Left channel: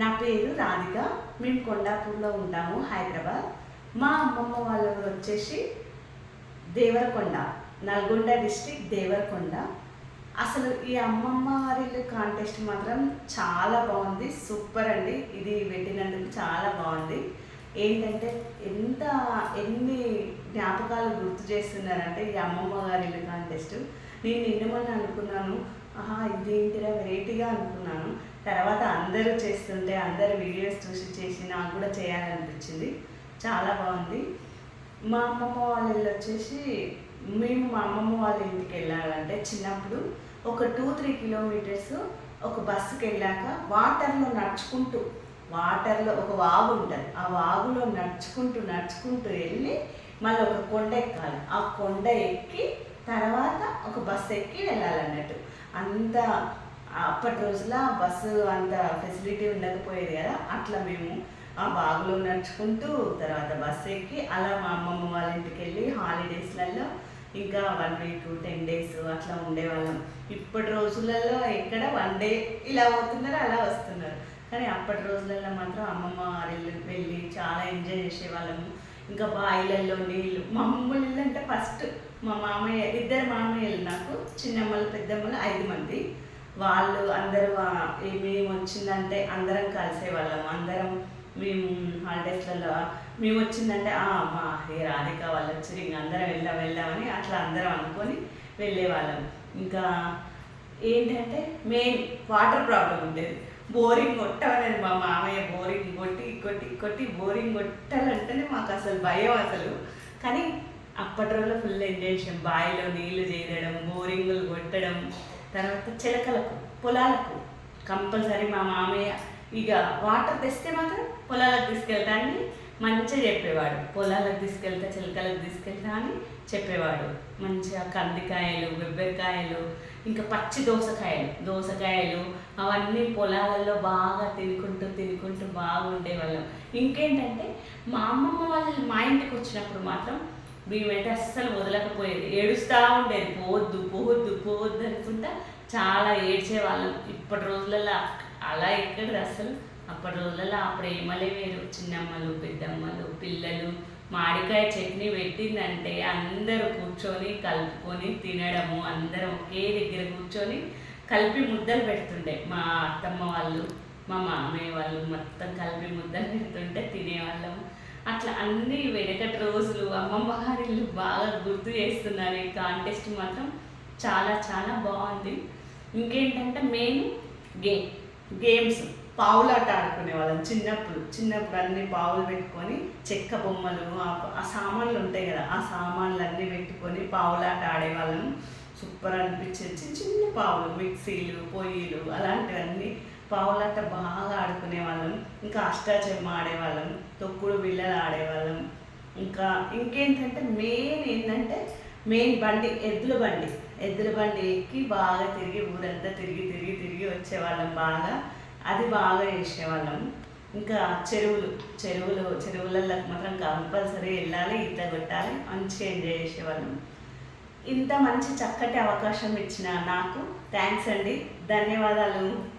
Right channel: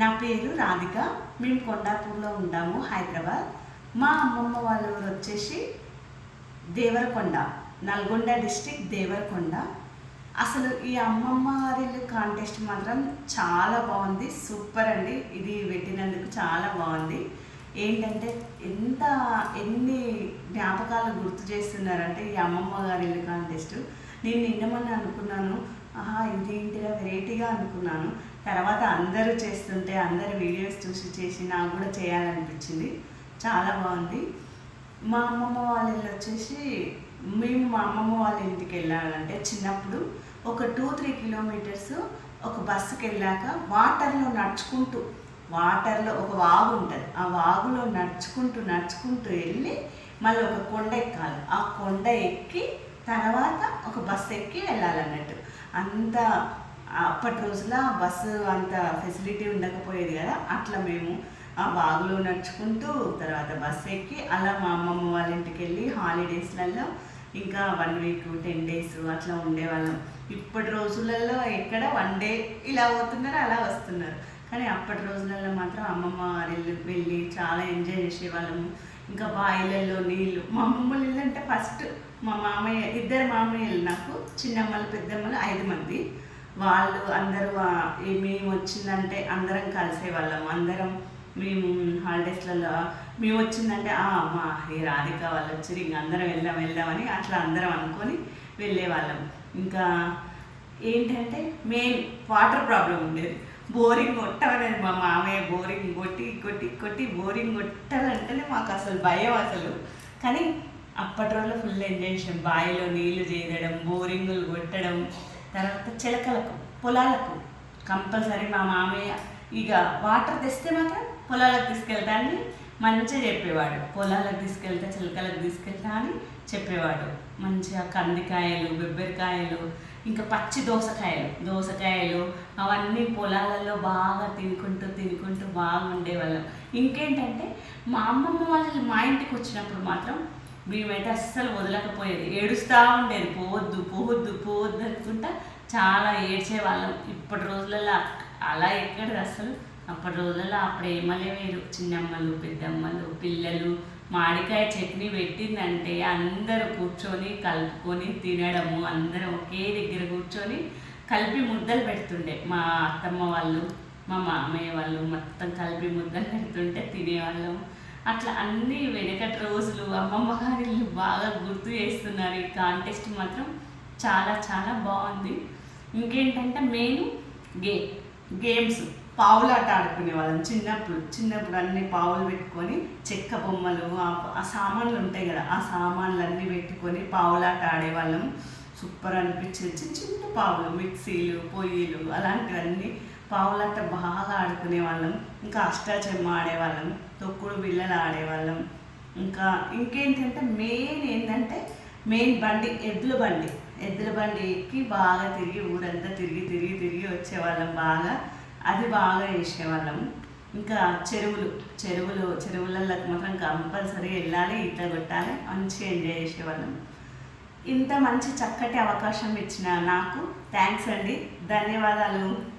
నా పేరు రాధిక. మేము కొండాపూర్లో ఉంటాము హైదరాబాద్. మా అమ్మమ్మ వాళ్ళ ఊరు వచ్చేసి దేవరకొండ నల్గొండ డిస్టిక్ దేవరకొండ. అసలు ఈ అమ్మమ్మ వారిల్లు కాంటెస్ట్ మాత్రం చాలా బాగుంది సూపర్ అండి. ఇది పెట్టినందుకు చాలా బాగుంది. ఏంటంటే ఎంత ఎన్ని జ్ఞాపకాలు గుర్తు చేస్తున్నారంటే ఈ అమ్మమ్మ గారి ఇల్లు కాంటెస్ట్. నేను నిన్నమని అనుకున్నాను ఆహా ఇదేంటిరా వెరైటీగా అనుకున్నాను. తర్వాత అందరూ చేస్తుంటే అందరు వీడియోస్ చూసి చేసి నాకు కూడా చేయాలనిపించింది. చాలా బాగుంది. మా అమ్మమ్మ వాళ్ళ ఇల్లు వచ్చేసి మేము మా అమ్మమ్మ వాళ్ళ ఇంటికి వెళ్ళాలంటే చిన్నప్పుడు ఒక టూ త్రీ కిలోమీటర్స్ ఒక బస్సుకి వెళ్ళాక వాటర్లో నడుచుకుంటూ వాటర్లో ఒక వాగు ఉంటుంది. ఆ వాగులో నడుచుకుంటూ నడుచుకుంటూ వెళ్ళి మళ్ళీ ఒక కొండ ఎక్కాలి. ఆ కొండ ఎక్కి తర్వాత ఒక బస్సు ఎక్కి వెళ్ళాలన్నట్టు. అంత అప్పటి రోజుల బస్సు అంత ఫెసిలిటీ ఉండకపోయేది కదా అట్లా మేము ఆ బాగులో నడుచుకుంటూ తర్వాత బస్సు ఎక్కి అలా మా అమ్మమ్మ వాళ్ళ ఇంటికి వెళ్ళి హాలిడేస్లలో ఇంకా వన్ వీక్ టెన్ డేస్ అట్లా ఉండేవాళ్ళం. ఇప్పటి రోజులలో ఎక్కడ వన్ డే ఇలా పోతున్నారు అలా వస్తున్నారు. కానీ అప్పటి రోజులలో మాత్రం అమ్మమ్మ వారి వెళ్ళి చాలా ఎంజాయ్ చేసేవాళ్ళము. ఇంకా బాయిలలో నీళ్ళు మా అమ్మమ్మ అంటే ఫస్ట్ మా మామయ్య ఇద్దరు మామయ్యలు నాకు చిన్నమ్మలు పెద్దమ్మలు ఐదు మంది. వాళ్ళు అందరూ మేము వచ్చిందంటే అందరం కలిసేవాళ్ళం అందరం మేము హాలిడేస్లలో మేము వచ్చిందంటే "ఆ, మా ఈ రాధిక వాళ్ళు వచ్చి ఇంక అందరం వెళ్దాం వెళ్దామని అట్లా అందరం అనుకొని వెళ్ళేవాళ్ళం ఇంకా ఏంటంటే మెయిన్ వాటర్ ప్రాబ్లం ఉండేది. బోరింగ్ కొట్టమని మా మామయ్య బోరింగ్ కొట్టి కొట్టి కొట్టి బోరింగ్ కొట్టాలంటేనే మాకు అసలు భయం అసలు. కానీ అప్పటి రోజుల్లో ఫుల్ ఎంజాయ్ చేసాం. బావిలో నీళ్ళు చేయడం బోరింగులు కొట్టడం తర్వాత చిలకలకు పొలాలకు. కంపల్సరీ మా మామయ్య ఇక వాటర్ తెస్తే మాత్రం పొలాలకు తీసుకెళ్తానని మంచిగా చెప్పేవాడు. పొలాలకు తీసుకెళ్తా చిలకలకు తీసుకెళ్తా అని చెప్పేవాడు. మంచిగా కందికాయలు బెబ్బరికాయలు ఇంకా పచ్చి దోసకాయలు దోసకాయలు అవన్నీ పొలాలలో బాగా తినుకుంటూ తినుకుంటూ బాగుండేవాళ్ళం. ఇంకేంటంటే మా అమ్మమ్మ వాళ్ళు మా ఇంటికి వచ్చినప్పుడు మాత్రం మేమైతే అస్సలు వదలకపోయేది. ఏడుస్తూ ఉండేది. పోవద్దు పోవద్దు పోవద్దు అనుకుంటా చాలా ఏడ్చేవాళ్ళం. ఇప్పటి రోజులలో అలా ఎక్కడ అసలు అప్పటి రోజులలో ఆ ప్రేమలే వేరు చిన్నమ్మలు పెద్దమ్మలు పిల్లలు మామిడికాయ చట్నీ పెట్టిందంటే అందరూ కూర్చొని కలుపుకొని తినడము అందరం ఒకే దగ్గర కూర్చొని కలిపి ముద్దలు పెడుతుండే. మా అత్తమ్మ వాళ్ళు మా మామయ్య వాళ్ళు మొత్తం కలిపి ముద్దలు పెడుతుంటే తినేవాళ్ళము. అట్లా అన్ని వెనకటి రోజులు అమ్మమ్మ గారిని బాగా గుర్తు చేస్తున్నారు ఈ కాంటెస్ట్ మాత్రం. చాలా చాలా బాగుంది. ఇంకేంటంటే మెయిన్ గేమ్ గేమ్స్ పావులాట ఆడుకునే వాళ్ళం చిన్నప్పుడు. చిన్నప్పుడు అన్ని పావులు పెట్టుకొని చెక్క బొమ్మలు ఆ- ఆ సామాన్లు ఉంటాయి కదా ఆ సామాన్లు అన్నీ పెట్టుకొని పావులాట ఆడేవాళ్ళం. సూపర్ అనిపించేది. చిన్న చిన్న పావులు మిక్సీలు పొయ్యిలు అలాంటివన్నీ పావులాట బాగా ఆడుకునే వాళ్ళం ఇంకా అష్టాచెమ్మ ఆడేవాళ్ళం తొక్కుడు బిళ్ళలు ఆడేవాళ్ళం. ఇంకా ఇంకేంటంటే మెయిన్ ఏంటంటే మెయిన్ బండి ఎద్దుల బండి. ఎద్దుల బండి ఎక్కి బాగా తిరిగి ఊరంతా తిరిగి తిరిగి తిరిగి వచ్చేవాళ్ళం బాగా. అది బాగా చేసేవాళ్ళం. ఇంకా చెరువులు చెరువులు చెరువులలోకి మాత్రం కంపల్సరీ వెళ్ళాలి ఈత పెట్టాలి మంచిగా ఎంజాయ్ చేసేవాళ్ళం. ఇంత మంచి చక్కటి అవకాశం ఇచ్చిన నాకు. థ్యాంక్స్ అండి. ధన్యవాదాలు.